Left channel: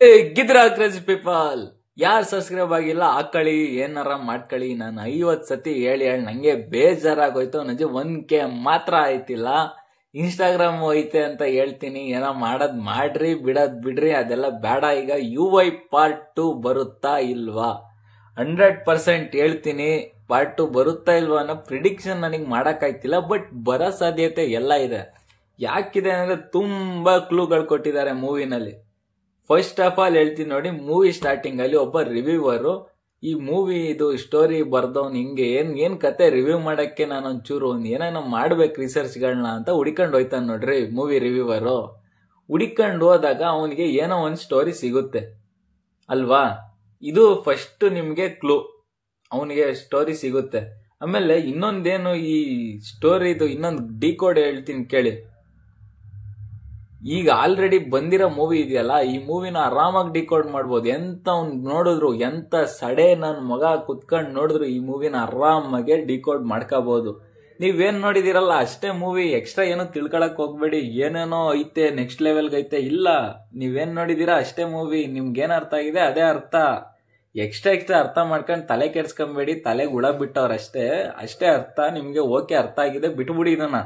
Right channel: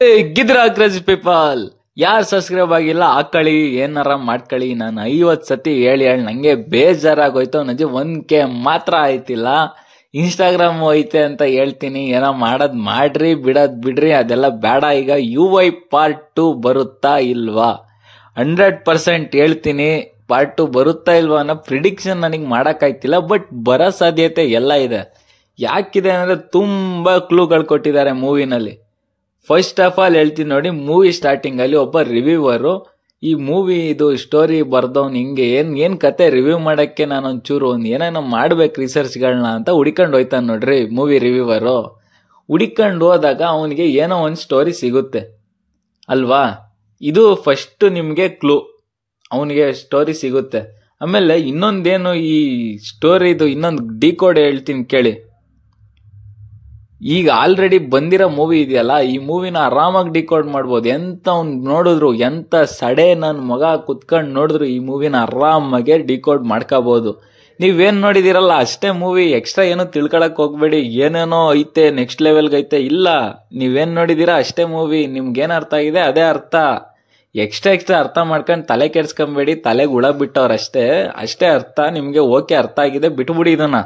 ಗಿದ್ರ crazy people ಯಾರು subscribe ಆಗಿಲ್ಲ ಹಾಕಳಿ, ಏನಾರ ಮಾಡ್ಕೊಳ್ಳಿ. ನಾನು 50 ಸತಿ ಹೇಳಿ ನಂಗೆ ಬೇಜಾರಾಗೋಯ್ತು. ನನಗೆ 1K ಮಾತ್ರ ಆಯ್ತಿಲ್ಲ. ಇನ್ಸ್ಟಾಗ್ರಾಮ್ ಐತೆ ಅಂತ ಹೇಳ್ತೀನಿ, ಏನೋ ಮಾಡೋದ್ ಮಾಡ್ರಿ, ಬಿಡೋದ್ ಬಿಡ್ರಿ, ಅದೆಲ್ಲ ಬೇಡ. ಈಗ UI ಪಾರ್ಟ್ 2 ಬರುತ್ತಾ ಇಲ್ವಾ? 100% ಹೇಳ್ತೀನಿ, ಪಾರ್ಟ್ 2 ಬರುತ್ತಾ ಇಲ್ವಾ ಅನ್ನೋ ಪ್ರಿಡಿಕ್ಷನ್ ನನಗೆ ಮಾಡಕ್ಕಾಯ್ತಿಲ್ಲ. ಬಟ್ ಬರೋ ಸಾಧ್ಯತೆ ಎಲ್ಲ ಇದೆ. ಯಾಕಿದೆ ಅಂದ್ರೆ ತುಂಬಾ ಕ್ಲೂಗಳು ಕೊಟ್ಟಿದ್ದಾರೆ ಮೂವಿನಲ್ಲಿ. ಫಸ್ಟ್ ಆಫ್ ಆಲ್ ಹೇಳ್ತೀನಿ ನೋಡಿ, ಮೂವಿ ಸ್ಟಾರ್ಟಿಂಗ್ ಅಲ್ಲಿ ಒಬ್ಬ ರಿವ್ಯೂವರು ಈ ಮೂವಿ ಇದು ಸ್ಟೋರಿ ಬರ್ದವ್ನು ಹಿಂಗೆ ಏನ್ ಕತೆ ರಿವ್ಯೂ ಮಾಡಕ್ಕೆ ನಾನು ಒಂಚೂರು ಏನೇನೋ ಮಾಡ್ಬೇಕು ರಿಸರ್ಚ್ಗಳನ್ನ ಅಂತ ಹುಡ್ಕೊಂಡು ಹೋಯ್ತಾನೆ ನೋಡ್ರಿ ಮೂವಿ ರಿವ್ಯೂವರು. ಹುಡ್ಕೊಂಡು ಹೋದಾಗ ಅವನಿಗೆ ಏನೋ ಒಂದು ಸ್ಟೋರಿ ಸಿಗುತ್ತೆ ಅಲ್ವಾ? ಇದು ಫಸ್ಟ್ ನಿಮ್ಗೆ ಕ್ಲೂ, ಅವನಿಗೆ ಸ್ಟೋರಿ ಸಿಗುತ್ತೆ. ಆಮೇಲೆ ಇನ್ನೊಂದೇನು ಈ ಸ್ಟೋರಿದು ಇನ್ನೊಂದು ಡಿಕೋಡ್ ಹೇಳ್ತೀನಿ ಕೇಳಿ. ಈಗ ಆಲ್ರೆಡಿ ಬಂದಿರೋ ಮೂವಿ ಇದೆಯಲ್ಲ, ಈ ಮೂವಿನ ಆರಾಮಾಗಿ ಡಿಕೋಡ್ ಮಾಡ್ಬೋದು. ಎಂತ ಅವ್ನು ನೋಡಿದ್ರು, ಎಂತ ಸಡೆ ನನ್ನ ಮಗ ಕುತ್ಕೊಂಡು ನೋಡಿದ್ರು ಈ ಮೂವಿನ ಆರಾಮಾಗೆ ಡಿಕೋಡ್ ಮಾಡ್ಕೋಬಹುದು. ನೀವೇನ್ ನೋಡಿದಿರಲ್ಲ ಅಷ್ಟೇ ಮೂವಿ, ಎಕ್ಸ್ಟ್ರಾ ಏನು ತಿಳ್ಕೊಳಕ್ ಹೋಗ್ಬೇಡಿ. ಏನೇನೋ ಐತೆ ನೆಕ್ಸ್ಟ್ ಲೆವೆಲ್ಗೆ ಐತೆ ಇಲ್ಲ, ನೀವೇನ್ ನೋಡಿದೀರಾ ಅಷ್ಟೇ ಮೂವಿ. ನಿಮ್ಗೇನ್ ಅರ್ಥ ಆಗಿದೆ ಅದೇ ಅರ್ಥ. ಎಕ್ಸ್ಟ್ರಾ ಅರ್ಥ ಮಾಡ್ಕೊಂಡು ತಲೆ ಕೆಡ್ಸ್ಕೊಂಬೇಡಿ, ತಲೆಗೆ ಹುಳ ಬಿಟ್ಟವ್ರಷ್ಟೇ, ಅಷ್ಟೇ ಅರ್ಥ. ನಿಮ್ಗೆ ಓಕೆ ಅರ್ಥ ಆಗಿದೆ ಬಿಟ್ಬಿಡಿ ಇದನ್ನ.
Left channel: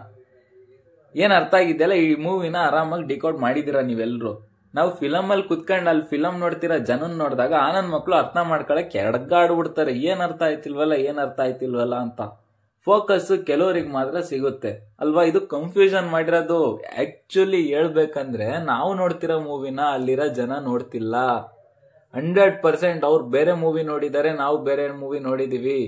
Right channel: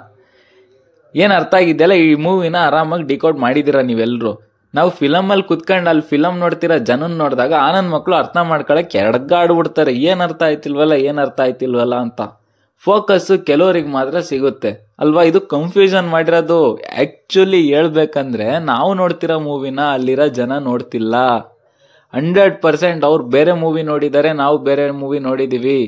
ಏನ್ ಅರ್ಥ ಆಗಿದ್ದೆಲ್ಲ ಈ ಮೂವಿನ ಆರಾಮಾಗಿ ಡಿಕೋಡ್ ಮಾಡಿದಿರ ನೀವೆಲ್ರು. ನಾವು ಫಿಲಮ್ ಅಲ್ಲಿ ಕುತ್ಕೊಂಡು ಅಲ್ಲಿ ಫಿಲಮ್ ನೋಡ್ತಿರೋ ಜನನ್ ನೋಡಿದಾಗ ಆನಂದ್ ಮಕ್ಳು ಅರ್ಥ ಮಾಡ್ಕೊಳಕ್ ಎಡಗಾಡ್ಬಿಡ್ತಾರೆ, ಏನ್ ಅರ್ಥ ಆಯ್ತಿಲ್ವಲ್ಲ ಅಂತ. ಫೋಕಸ್ ಕೆಲವರಿಗೆ ಮಾತ್ರ ಸಿಗುತ್ತೆ ಅಲ್ವಾ? ಇದು ಕನ್ಫ್ಯೂಷನ್ ಮಾಡಿರೋದು. ಆಕ್ಚುಲಿ ಹೇಳ್ಬೇಕಂದ್ರೆ ನಾವು ನೋಡ್ತಿರೋ ಮೂವಿನ ಅಲ್ಲಿರೋ ಜನ ನೋಡ್ತಿಲ್ಲ. 100% ಅವ್ರು ಬೇರೆ ಮೂವಿ ನೋಡಿದ್ದಾರೆ, ನಾವು ಬೇರೆ ಮೂವಿ ನೋಡಿದೀವಿ.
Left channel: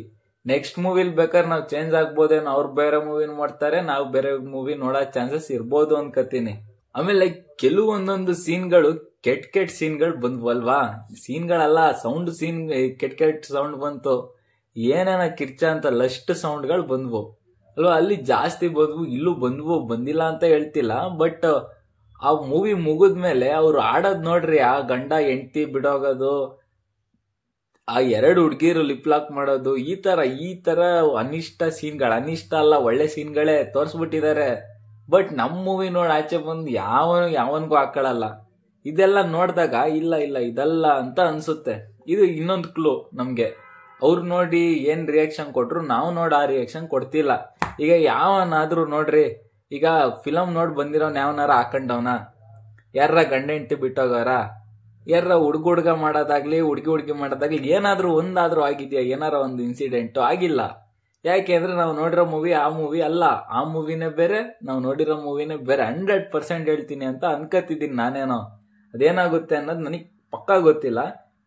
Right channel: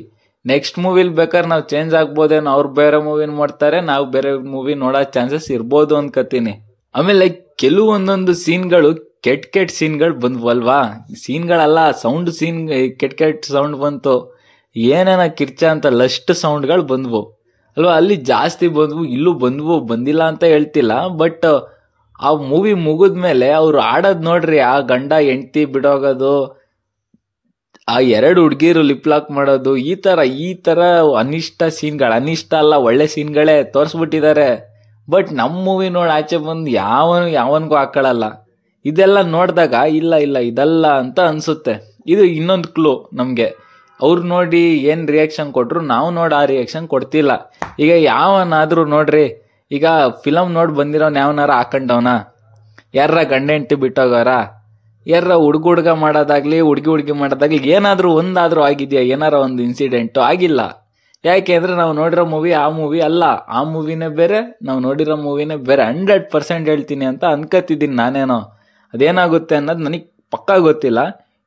ನೆಕ್ಸ್ಟ್ ಮೂವಿಲ್ ಬೇಕಾದ್ರೆ ನಾವು ಚೇಂಜ್ ಆಗ್ಬೋದೇನೋ, ಅವ್ರು ಬೇರೆ ಮೂವಿ ಮಾಡ್ತಾರೆ, ನಾವು ಬೇರೆ ಮೂವಿ ನೋಡೋ ಚಾನ್ಸಸ್ ಇರ್ಬೋದು ಅನ್ಕೋತೀನಿ. ಆಮೇಲೆ ಕೆಲವೊಂದೊಂದು ಸೀನ್ಗಳು ಕೆಟ್ಟ ಸೀನ್ಗಳು ಬಂದ್ವಲ್ವಾ? ಸೀನ್ಗಳಲ್ಲ, ಸೌಂಡ್ ಸೀನ್ ಕೆಟ್ಟ ಸೌಂಡ್ ಬಂತು. ಏನೇನ ಕಿರ್ಚ ಅಂತ ಲಸ್ಟ್ ಸೌಂಡ್ಗಳು ಬಂದ್ವು ಅಲ್ವಾ? ಅಲ್ಲಿ ಜಾಸ್ತಿ ಬಂದ್ವು, ಇಲ್ಲೂ ಬಂದ್ವು, ಬಂದಿಲ್ಲ ಅಂತ ಹೇಳ್ತಿಲ್ಲ. ಬಟ್ ಆ ಮೂವಿ ಮುಗಿದ್ಮೇಲೆ ಅವ್ರು ಆಡೋದ್ ನೋಡ್ರಿ, ಆ ಗಂಡ ಹೆಂಡತಿ ಬಿಡೋಗೋದು, ಆ 2 ಹುಡ್ಗಿರು ಲಿಪ್ ಲಾಕ್ ಮಾಡೋದು, ಈ ತರ ಅನಿಷ್ಟ ಸೀನ್ಗಳು, ಅನಿಷ್ಟ ಅಲ್ಲ ಒಳ್ಳೆ ಸೀನ್ಗಳೇ ತೋರ್ಸ್ಬಿಟ್ಟಿದ್ದಾರೆ. ಬಟ್ ನಮ್ ಮೂವಿ ನೋಡಿ ಆಚೆ ಬಂದು ಯಾವನ್ಗೂ ಹಾಕೊಳ್ಳಲ್ಲ. ಇದೆಲ್ಲ ನೋಡಿದಾಗ ಇಲ್ಲ ಇದಲ್ಲ ಅಂತ ಅನ್ಸುತ್ತೆ. ಇದು ಇನ್ನೊಂದು ಕ್ಲೂ ನಮ್ಗೆ. ಅವ್ರು ನೋಡಿ ಏನ್ ರಿಯಾಕ್ಷನ್ ಕೊಟ್ರು, ನಾವು ನೋಡಿ ಆ ರಿಯಾಕ್ಷನ್ ಕೊಡ್ತಿಲ್ಲ. ಈಗ ಯಾವನಾದ್ರೂ ನೋಡ್ರಿ, ಈಗ ಫಿಲಮ್ ನೋಡಿ ಬಂದಿರೋನ್ ಯಾವನಾರ ಹಾಕೊಂಡವನ, ಯಾರ ಗಂಡ ಹೆಂಡತಿ ಬಿಟ್ಟೋಗವ್ರ, ಯಾರ ಹುಡುಗ ಮಾಡೋದಾಗ್ಲಿ ಹುಡುಗಿ ಮಾಡೋದಾಗ್ಲಿ ಏನಾದ್ರೂ ಒಂದಾದ್ರೂ ಆಗಿದ್ಯಾ? ಏನಾರ ಒಂದು ಇನ್ಸಿಡೆಂಟ್ ಆಗಿಲ್ಲ. ಯಾಕೆ ಅಂದ್ರೆ ನಾವು ನೋಡಿರೋ ಮೂವಿ ಆ ಮೂವಿ ಅಲ್ಲ, ಆ ಮೂವಿನೇ ಬೇರೆ, ನಾವು ನೋಡಿರೋ ಮೂವಿನೇ ಬೇರೆ. 100% ಹೇಳ್ತೀನಿ ಅಂತ ಅನ್ಕೋತಿದ್ದೀನಿ ನಾನೇನೋ. ಅದೇನಾಗುತ್ತೆ ಅನ್ನೋದು ನನಗೆ ಪಕ್ಕಾ ಗೊತ್ತಿಲ್ಲ.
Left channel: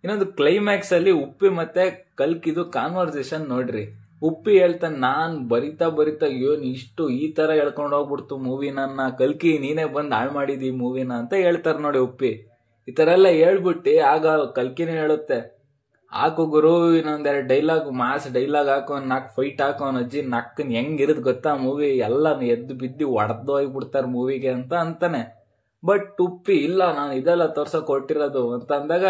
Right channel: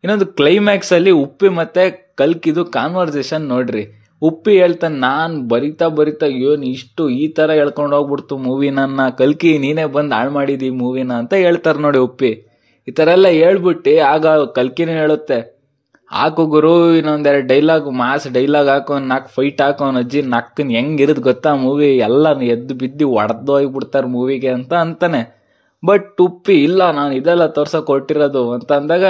ಇನ್ನೊಂದು ಕ್ಲೈಮ್ಯಾಕ್ಸ್ ಅಲ್ಲಿ ಉಪ್ಪಿ ಮತ್ತೆ ಕಲ್ಕಿದು ಕಾನ್ವರ್ಸೇಷನ್ ನೋಡ್ರಿ. ಉಪ್ಪಿ ಹೇಳ್ತಾನೆ, ನಾನ್ ಬರಿತಾ ಏನ್ ಇಷ್ಟು ಈ ತರ ಹೇಳ್ಕೊಂಡು ಹೋಗ್ಬಿಡ್ತು ಮೂವಿನ, ಕಲ್ಕಿ ನೀನೇ ಬಂದ್ ಹಾಳು ಮಾಡಿದಿ ಮೂವಿನ ಅಂತ ಹೇಳ್ತಾರ ನೋಡಿ ಉಪ್ಪಿ. ಈ ತರ ಎಲ್ಲ ಹೇಳ್ಬಿಟ್ಟು ಆಗ ಕಲ್ಕಿನ ಹೇಳುತ್ತೆ, ಹಾಕು ಗುರು ಇನ್ನೊಂದೆರಡು ಡೈಲಾಗ್, ಮಾಸ್ ಡೈಲಾಗ್ ಹಾಕೋ, 4 ಫೈಟ್ ಹಾಕೋ, ಅಜ್ಜಿ ನಕ್ಕನ್ ಹೆಂಗಿರೋದು ಗೊತ್ತಾ ಮೂವಿ, ಎಲ್ಲ ಎದ್ದು ಬಿದ್ದು ಒಡೆದು ಹೋಗ್ಬಿಡ್ತಾರ ಮೂವಿಗೆ ಅಂತ ಅಂತಾನೆ. ಬಟ್ ಉಪ್ಪಿ ಇಲ್ಲ, ನಾನು ಇದೆಲ್ಲ ತೋರ್ಸಕ್ ಹೊರಟಿರೋದು ಅಂತ ಅಂದಾಗ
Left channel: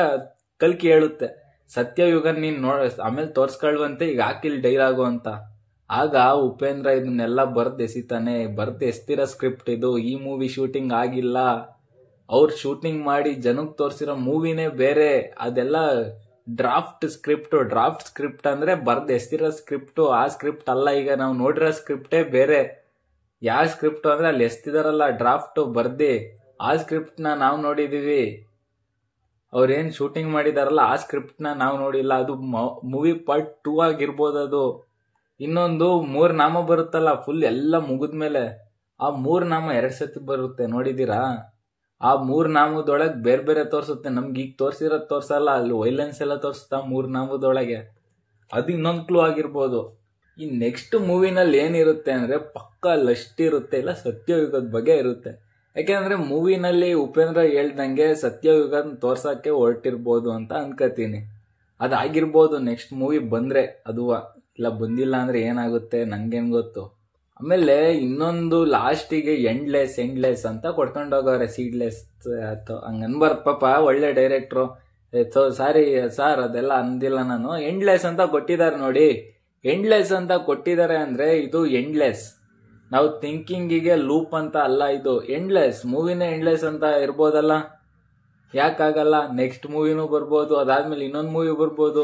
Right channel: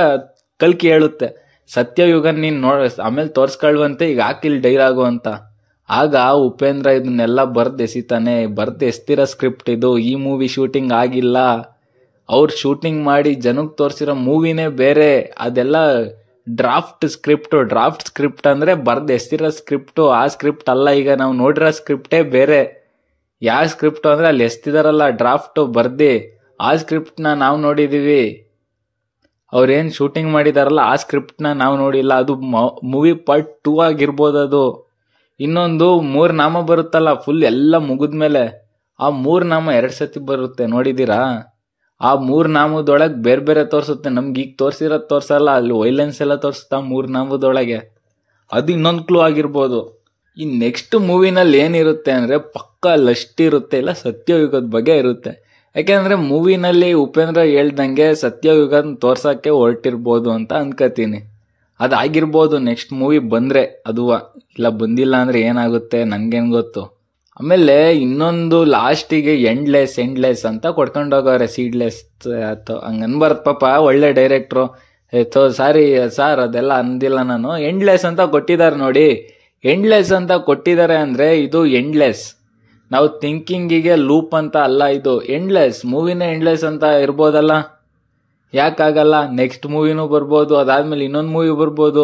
ಕಲ್ಕಿ ಹೇಳುತ್ತೆ, ಸತ್ಯಯುಗನ್ ನೀನ್ ಆಮೇಲೆ ತೋರ್ಸ್ಕೊಳ್ವಂತೆ, ಈಗ ಹಾಕಿಲ್ ಡೈಲಾಗು ಅಂತ. ಆಗ ಉಪೇಂದ್ರ ಇದನ್ನೆಲ್ಲ ಎಸಿತಾನೆ. ಎಸ್ತಿರೋ ಸ್ಕ್ರಿಪ್ಟ್ ಇದು, ಈ ಮೂವಿ ಶೂಟಿಂಗ್ ಆಗಿಲ್ಲ, ಅವ್ರು ಶೂಟಿಂಗ್ ಮಾಡಿ ಜನಕ್ಕೆ ತೋರಿಸಿರೋ ಮೂವಿನೇ ಬೇರೆ. ಅದೆಲ್ಲ ಡ್ರಾಫ್ಟ್ ಸ್ಕ್ರಿಪ್ಟ್ ಅಂದ್ರೆ ಎಸ್ತಿರೋ ಸ್ಕ್ರಿಪ್ಟ್, ಆ ಸ್ಕ್ರಿಪ್ಟ್ ಅಲ್ಲ. ಈಗ ನಾವು ನೋಡಿರೋ ಸ್ಕ್ರಿಪ್ಟೇ ಬೇರೆ. ಯಾವ ಸ್ಕ್ರಿಪ್ಟ್ ಅಂದ್ರೆ ಅಲ್ಲಿ ಎಸ್ತಿದಾರಲ್ಲ ಡ್ರಾಫ್ಟ್ ಬರ್ದಿ, ಆ ಸ್ಕ್ರಿಪ್ಟ್ ನ ನಾವು ನೋಡಿದೀವಿ. ಅವ್ರೇನ್ ಶೂಟಿಂಗ್ ಮಾಡಿದಾರಲ್ಲ ಆ ಸ್ಕ್ರಿಪ್ಟ್ ನ ನಾವು ನೋಡಿಲ್ಲ. ಅದು ಮೂವಿ ಪಾರ್ಟ್ 2 ಆಗಿರ್ಬೋದು ಅದು. ಇನ್ನೊಂದು 3 ನಾಮ ಬರುತ್ತಲ್ಲ ಫುಲ್ ಎಲ್ಲ ಮುಗಿದ್ಮೇಲೆ, ಆ 3 ನಾಮ 2 ಸತಿ ಬರುತ್ತೆ, ನೋಡಿದೀರಾ? ಆ 3 ನಾಮದೊಳಗೆ ಬೇರೆ ತೋರ್ಸುತ್ತೆ. ನಮ್ಗೆ ಈಗ ತೋರ್ಸಿರೋದ್ ತೋರ್ಸಲ್ಲ, ಅಲ್ಲಿ ವೈಲೆನ್ಸ್ ಎಲ್ಲ ತೋರಿಸುತ್ತಾ 3 ನಾಮದೊಳಗೆ. ಅದು ಇನ್ನೊಂದು ಕ್ಲೂ ಆಗಿರ್ಬೋದು. ಈ ನೆಕ್ಸ್ಟ್ ಮೂವಿನಲ್ಲಿ ಏನಿರುತ್ತೆ ಅಂದ್ರೆ ಪಕ್ಕಾ ಲಸ್ಟ್ ಇರುತ್ತೆ, ಇಲ್ಲ ಸತ್ಯಯುಗದ ಬಗ್ಗೆ ಇರುತ್ತೆ. ಯಾಕೆಂದ್ರೆ ಮೂವಿನಲ್ಲಿ ಉಪೇಂದ್ರ ಹೇಳ್ದಂಗೆ ಸತ್ಯಯುಗನ್ ತೋರ್ಸಕ್ಕೆ ಹೊರಟಿರ್ಬೋದು ಅಂತ ಅನ್ಕೋತೀನಿ. ಅದಾಗಿರ್ಬೋದು ನೆಕ್ಸ್ಟ್ ಮೂವಿ ಬಂದ್ರೆ ಅದುವ, ಇಲ್ಲ ಬಂದಿಲ್ಲ ಅಂದ್ರೆ ಏನಾಗುತ್ತೆ ನನ್ಗೇನ್ ಗೊತ್ತು. ಆಮೇಲೆ ಇನ್ನೊಂದು ಲಾಸ್ಟಿಗೆ ಎಂಡ್ಲೆಸ್ ಅಂತ ಕೊಡ್ಕೊಂಡೋಗವ್ರೆ, ಸೀಡ್ಲೆಸ್ ಅಥವಾ ಹಂಗನ್ಬಾರ್ದು ಪಾಪ, ಒಳ್ಳೆ ಡೈರೆಕ್ಟ್ರು. ಸಾರಿ ಸಾರ್ ಅದೆಲ್ಲ ಅಂದಿಲ್ಲ ನಾನು. ಎಂಡ್ಲೆಸ್ ಅಂತ ಕೊಟ್ಟಿದ್ದಾರೆ ನೋಡಿ. ಎಂಡ್ಲೆಸ್ ಅಂತ ಕೊಟ್ಟಿದ್ದಾರೆ ಅಂದ್ರೆ ಇದು ಎಂಡ್ಲೆಸ್, ನಾವು ಥಿಂಕಿಂಗಿಗೆ ಲೂಪ್ ಅಂತ ಅಲ್ಲ ಇದು. ಎಂಡ್ಲೆಸ್ ಮೂವಿನೇ ಎಂಡ್ಲೆಸ್ ಅಂತ ಇರ್ಬೋದಲ್ಲ. ಯಾಕಾಗಲ್ಲ, ನೆಕ್ಸ್ಟ್ ಮೂವಿನೂ ಬರ್ಬೋದು, ಅದಾದ್ಮೇಲೆ ಇನ್ನೊಂದು ಮೂವಿ ಬರ್ಬೋದು.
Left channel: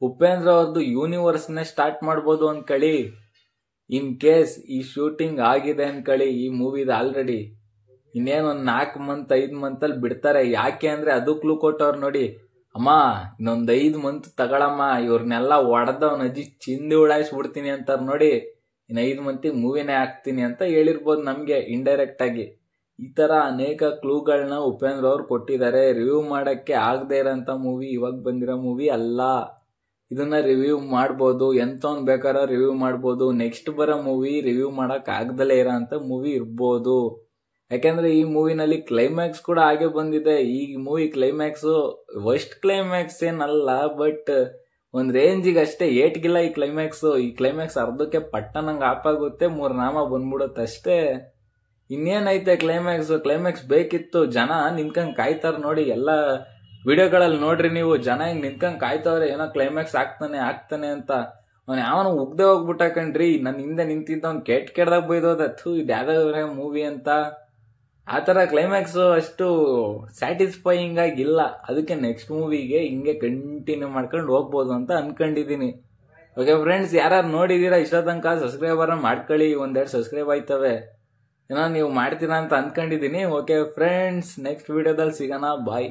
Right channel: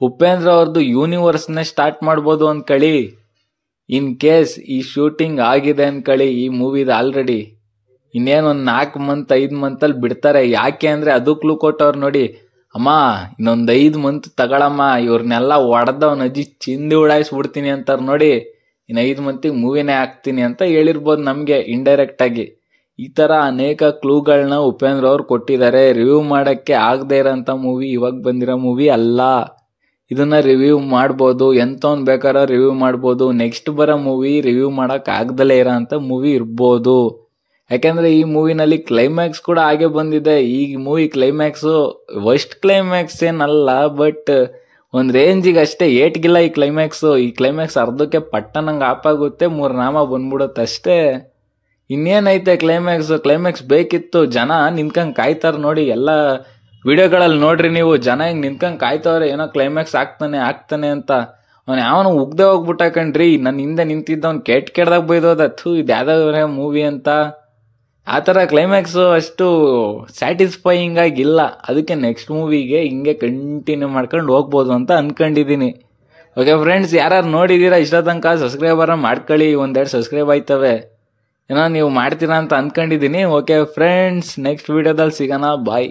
ಉಪೇಂದ್ರ ಅವ್ರದ್ದು ಯೂನಿವರ್ಸ್ನೇ ಸ್ಟಾರ್ಟ್ ಮಾಡ್ಬೋದು ಅನ್ಕಳಿ. ಇನ್ ಕೇಸ್ ಈ ಶೂಟಿಂಗ್ ಆಗಿದೆ ಅನ್ಕಳಿ ಈ ಮೂವಿದ ಆಲ್ರೆಡಿ, ಇನ್ನೇನು ಒಂದು 4 ಮಂತ್ 5 ಮಂತಲ್ಲಿ ಬಿಡ್ತಾರೆ. ಯಾಕೆ ಅಂದ್ರೆ ಅದು ಕ್ಲೂ ಕೊಟ್ಟವ್ರು ನೋಡಿ, ಅಮ್ಮ ಇನ್ನೊಂದು 5 ಮಂತ್ ತಗೊಳಮ್ಮ, ಇವ್ರನ್ನೆಲ್ಲ ಹೊಡೆದವ್ ಅಜ್ಜಿ ಚಿಂದಿ ಉಡಾಯಿಸ್ಬಿಡ್ತೀನಿ ಅಂತಾರ ನೋಡಿ, ಇನ್ನು 5 ಮಂತಿಗೆ ಮೂವಿನೇ ಹಾಕ್ತೀನಿ ಅಂತ ಹೇಳಿರ್ಬೋದು ನಮ್ಗೆ ಇಂಡೈರೆಕ್ಟ್ ಆಗಿ. ಈ ತರ ಅನೇಕ ಕ್ಲೂಗಳನ್ನ ಉಪೇಂದ್ರ ಅವ್ರು ಕೊಟ್ಟಿದ್ದಾರೆ. ರಿವ್ಯೂ ಮಾಡಕ್ಕೆ ಆಗದೆ ಇರೋಂಥ ಮೂವಿ, ಇವಾಗ ಬಂದಿರೋ ಮೂವಿ ಅಲ್ಲ. ಇದನ್ನ ರಿವ್ಯೂ ಮಾಡ್ಬೋದು, ಎಂತವ್ನ್ ಬೇಕಾದ್ರೆ ರಿವ್ಯೂ ಮಾಡ್ಬೋದು. ನೆಕ್ಸ್ಟ್ ಬರೋ ಮೂವಿ ರಿವ್ಯೂ ಮಾಡಕ್ ಆಗ್ದಲೇ ಇರೋ ಅಂತ ಮೂವಿ ಇರ್ಬೋದು. ಯಾಕೆಂದ್ರೆ ಈ ಮೂವಿನಲ್ಲಿ ಕ್ಲೈಮ್ಯಾಕ್ಸ್ ಕೂಡ ಹಾಗೆ ಬಂದಿದೆ. ಈ ಮೂವಿ ಕ್ಲೈಮ್ಯಾಕ್ಸು ವರ್ಸ್ಟ್ ಕ್ಲೈಮ್ಯಾಕ್ಸ್ ಏನಲ್ಲ, ಬಟ್ ಒಂದ್ ರೇಂಜಿಗೆ ಅಷ್ಟೇ, ಏಟ್ಗಿಲ್ಲ ಈ ಕ್ಲೈಮ್ಯಾಕ್ಸು. ಈ ಕ್ಲೈಮ್ಯಾಕ್ಸ್ ಅರ್ಧಕ್ಕೆ ಪಟ್ಟನಂಗೆ ಆಪಾಗುತ್ತೆ, 3 ನಾಮ ಬಂದ್ಬಿಡುತ್ತೆ ಅಷ್ಟೇ. ಇನ್ನೇನೈತೆ ಕ್ಲೈಮ್ಯಾಕ್ಸ್ ಬೇಕಿತ್ತು. ಜನ ನಿಂತ್ಕೊಂಡ್ ಕಾಯ್ತಾರ ನೋಡಿ, ಎಲ್ಲ ವಿಡಿಯೋಗಳಲ್ಲಿ ನೋಡ್ರಿ ನೀವು, ಜನ ಹಿಂಗ್ ನಿಂತ್ಕೊಂಡ್ ಕಾಯ್ತವ್ರೆ, ಏನೋ ಕ್ಲೈಮ್ಯಾಕ್ಸ್ ಆಗ್ತಾನೆ ಅಂತ. ಅವ್ನು ಯಾವನು ಉಗ್ದೆ ಹೋಗ್ಬಿಟ್ಟ ಕಣ್ರಿ, ನನ್ನ ಹಿಂದೆ ನಿಂತಿದ್ದವ್ನು ಕೆಟ್ಟದಾಗ ಬೈದೋದ, ಇದು ಯಾವ್ದಾವ್ರೆ ಮೂವಿ ಅಂತ. ಆ ಥರ ಕ್ಲೈಮ್ಯಾಕ್ಸು ಅಷ್ಟು ಸ್ಯಾಟಿಸ್ಫೈಯಿಂಗ್ ಆಗಿಲ್ಲ. ಅದಕ್ಕೆ ನೆಕ್ಸ್ಟ್ ಮೂವಿಗೆ ಹಿಂಗೆ ಕಂಟಿನ್ಯೂ ಮಾಡ್ಕೊಂಡು ಹೋಗ್ಬೋದು ಅಂತ ಅನ್ಕೊಂಡಿದೀನಿ. ಓಕೆ ಫ್ರೆಂಡ್ಸ್, ಯಾರು ನೋಡಿದೀರಾ ಇಷ್ಟ ತನಕ ಸಬ್ಸ್ಕ್ರೈಬರ್ ಮಾಡ್ಕೊಳ್ಳಿ, 1-2 ಸಬ್ಸ್ಕ್ರೈಬ್ ಆಯ್ತವೆ. ಏನೋ ನೀವು ಮಾಡ್ತೀರಾ ಅಂತ ಅನ್ಕೊಂಡಿದೀನಿ. ಓಕೆ ಫ್ರೆಂಡ್ಸ್, ನೆಕ್ಸ್ಟ್ ವಿಡಿಯೋದಲ್ಲಿ ಸಿಗೋಣ, ಬಾಯ್.